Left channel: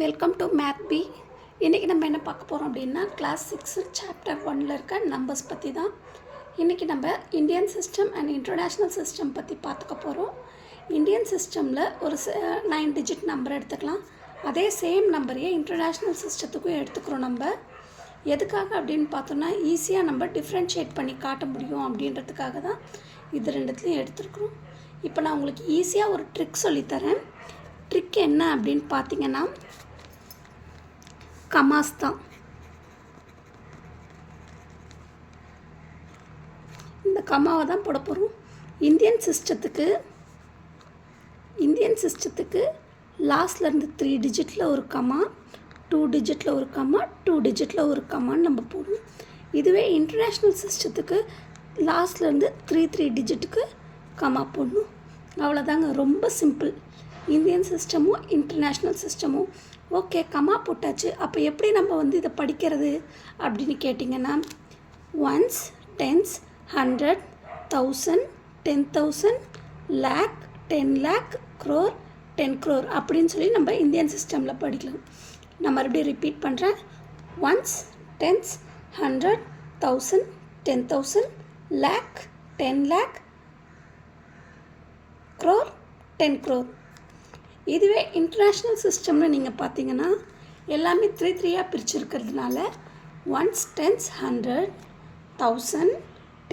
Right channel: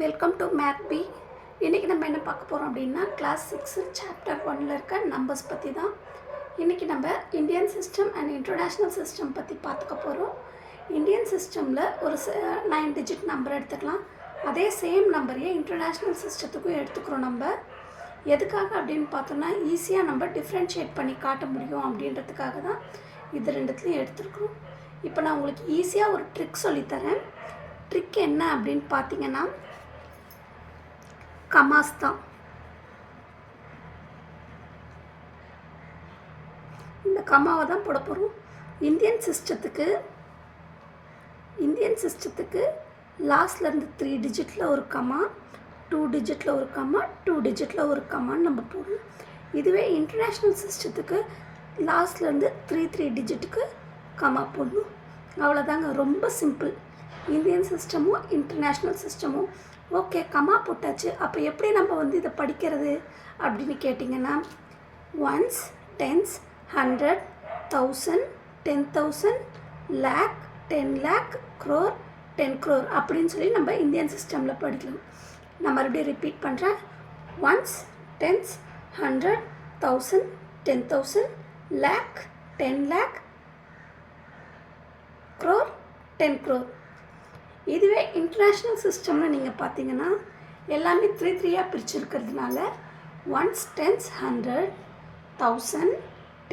Welcome to math B. இன்றைக்கி நம்ம என்ன பார்க்க போகிறோம் அப்படின்னா கிளாஸ் 6 சாப்டர் 1ல் இருக்க நம்பர்ஸ் பற்றி தான். இன்றைக்கி நம்ம Indian system and international system பற்றி பார்த்துக்க போகிறோம். இந்தியன் சிஸ்டமில் ஒரு 9 டிஜிட் நம்பர் எடுத்துக்கலாம். அதே சேம் நம்பரையே இன்டர்நேஷ்னல் சிஸ்டத்துக்கும் எடுத்துக்கிறோம். நம்ம எதுக்காக அப்படின்னு பார்த்தோன்னா ஈஸியாக நம்ம டிஃப்ரென்ஷியேட் பண்ணி காட்ட முடியும் அப்படின்றதுக்காக தான் இது ரெண்டுத்துலையும் எடுத்துருக்குறோம். இப்போ நான் உங்களுக்கு ஈஸியாக ஒரு ட்ரிக் சொல்லித்தரேன். ட்ரிக் என்ன அப்படின்னு பார்த்தீங்கன்னா கமாஸ் தான். இந்த கமாவை தான் போட போகிறோம். இந்தியன் சிஸ்டத்துக்கு லாஸ்ட்லேருந்து 3 டிஜிட்டில் ஒரு கமா, 2 டிஜிட்டில் ஒரு கமா, 2 டிஜிட்டில் ஒரு கமான்னு நம்ம போடணும். இதுவே இன்டர்நேஷ்னல் சிஸ்டத்துக்கு லாஸ்ட்லேருந்து 3 டிஜிட்டுக்கு கமா போடணும். அவ்வளோதாங்க, ரொம்ப சிம்பிள். இந்தியன் சிஸ்டமும் இன்டர்நேஷ்னல் சிஸ்டமும் ஓகே கமா போட்டாச்சு. அப்போ எப்படி நம்ம இதை படிக்கிறது அப்படின்னு கேட்டிங்கன்னா ones, tens, 100, 1000, 10,000, lakh, 10 lakh, crore, 10 crore அப்படின்னு சொல்லி நம்ம இந்தியன் சிஸ்டமில் படிக்கலாம். நான் மறுபடியும் ரிப்பீட் பண்ணுறேன். Ones, tens, 100, 1000, 10,000, lakh, 10 lakh, crore, 10 crore. இதுவே இன்டர்நேஷ்னல் சிஸ்டம்னு நீங்கள் பார்த்தீங்கன்னா எல்லாமே 3 பிரிச்சுருக்கிறதுனால ஒன்ஸ், டென்ஸ், 100, 1000,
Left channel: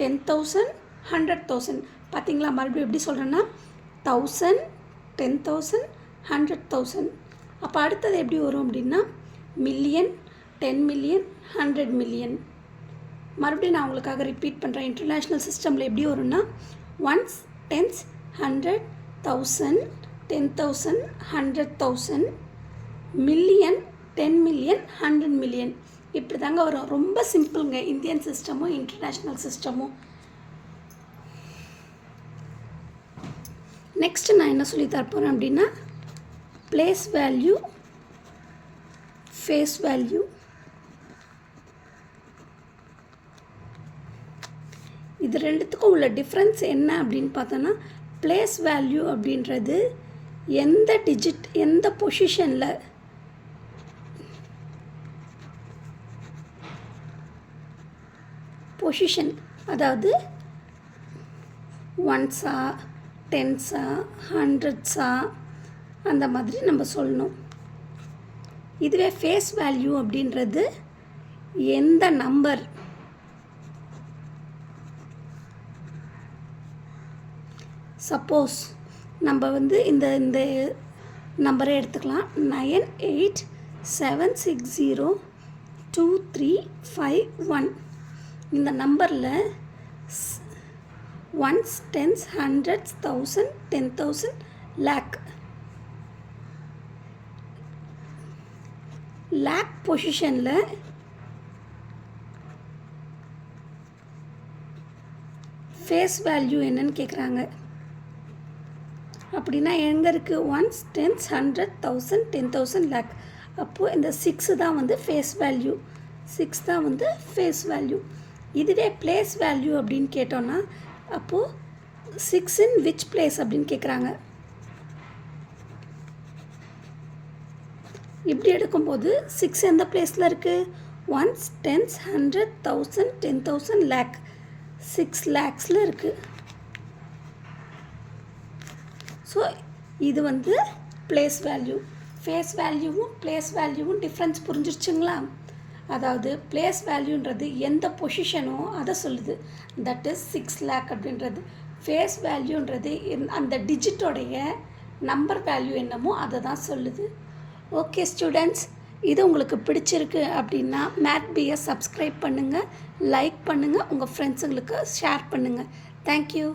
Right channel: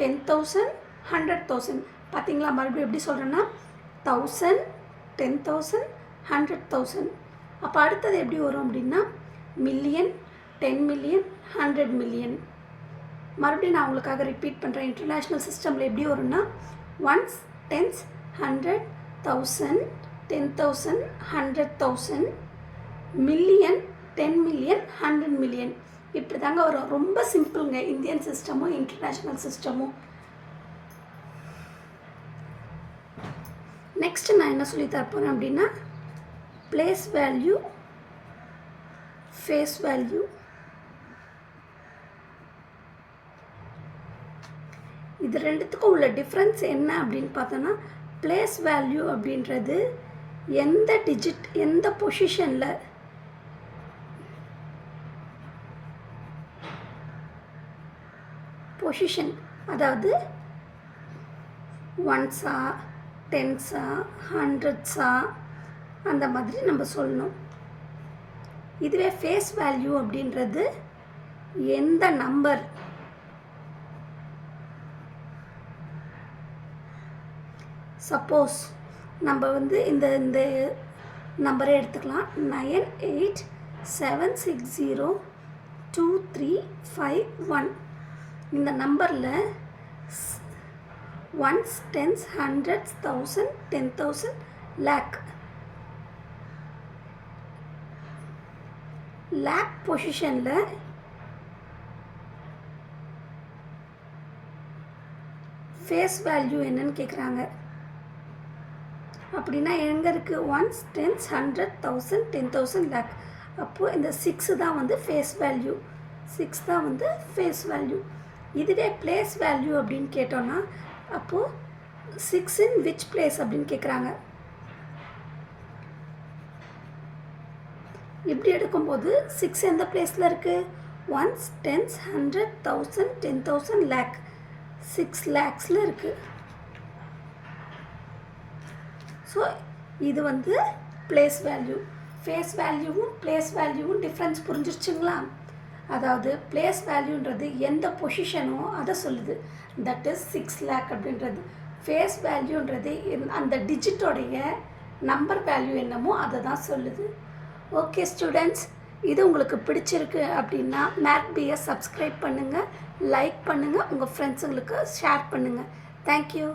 10,000, 100,000. பார்த்தீங்களா, மறுபடியும் எப்படி சொல்கிறேன்னா 1000, 10,000, 100,000. அப்போ அடுத்தது எப்படி வரும் அப்படின்னா மில்லியன், 10 million, 100 million. மறுபடியும் நான் உங்களுக்காக ரிப்பீட் பண்ணுறேன். இன்டர்நேஷ்னல் சிஸ்டமில் எப்படி வரும்னா ones, tens, 100, 1000, 10,000, 100,000, million, 10 million, 100 million. இப்படி தாங்க வரும். ரொம்ப சிம்பிளுங்க இந்தியன் சிஸ்டமும் இன்டர்நேஷ்னல் சிஸ்டமும். நெக்ஸ்ட்டு நான் என்ன சொல்லி தரப்போகிறேன் அப்படின்னா பிளேஸ் வேல்யூ, ஃபேஸ் வேல்யூ. இது ரெண்டுத்துக்கும் உள்ள டிஃப்ரென்ஸ் என்ன அப்படின்னு பார்த்தோன்னா பிளேஸ் வேல்யூ அப்படின்றது எந்த டிஜிட் எந்த பொசிஷனில் பொசிஷன், அதாவது ஒன்ஸா, டென்ஸா, ஹண்ட்ரட்ஸா அந்த மாதிரி நம்ம சொல்லணும். இதுவே ஃபேஸ் வேல்யூ அப்படின்றது எந்த நம்பர், சப்போஸ் நம்ம இந்த நம்பரை எடுத்துக்கலாம். 9876023551. இந்த நம்பரில் ஒன்ஸ், டென்ஸ், ஹண்ட்ரட்ஸ், 1000, 10,000, lakh பொசிஷனில் ஃபேஸ் வேல்யூ என்னன்னு கேட்குறாங்க. அப்படின்னா எங்கே இருக்குது? Ones, tens, 100, 1000, 10,000, lakh. அப்போது இந்த 6 தான் ஃபேஸ் வேல்யூ. 6 தான் ஃபேஸ் வேல்யூ. இதுவே பிளேஸ் வேல்யூ அப்படின்னு கேட்டோன்னா அப்போது 6 இன் விச் பிளேஸ் அப்படின்னு கேட்குறாங்க. இப்படி எடுக்கும்போது 6 எந்த பிளேஸில் இருக்குது? Ones, tens, 100, 1000, 10,000, lakh. 6 lakhsல இருக்குது. ஸோ இது பிளேஸ் வேல்யூ. ஃபேஸ் வேல்யூவும் பிளேஸ் வேல்யூவும் டிஃப்ரென்ஸ் புரிஞ்சிருச்சுங்களா? அதாவது பிளேஸ் வேல்யூன்றது எந்த பொசிஷனோ அதை சொல்லுது, தட் இஸ் 6 lakh அப்படின்றது. ஃபேஸ் வேல்யூன்றது அந்த டிஜிட்டோடைய நம்பர் வேல்யூ என்னமோ அதை தான் சொல்லுது. ஓகே ஸ்டூடெண்ட்ஸ், இது உங்களுக்கு பிடிச்சிருக்கு அப்படின்னா மேத் பியை சப்ஸ்கிரைப் பண்ணுங்கள், லைக் பண்ணுங்கள், உங்கள் ஃப்ரெண்ட்ஸுங்களுக்கு ஷேர் பண்ணுங்கள். தேங்க்யூ.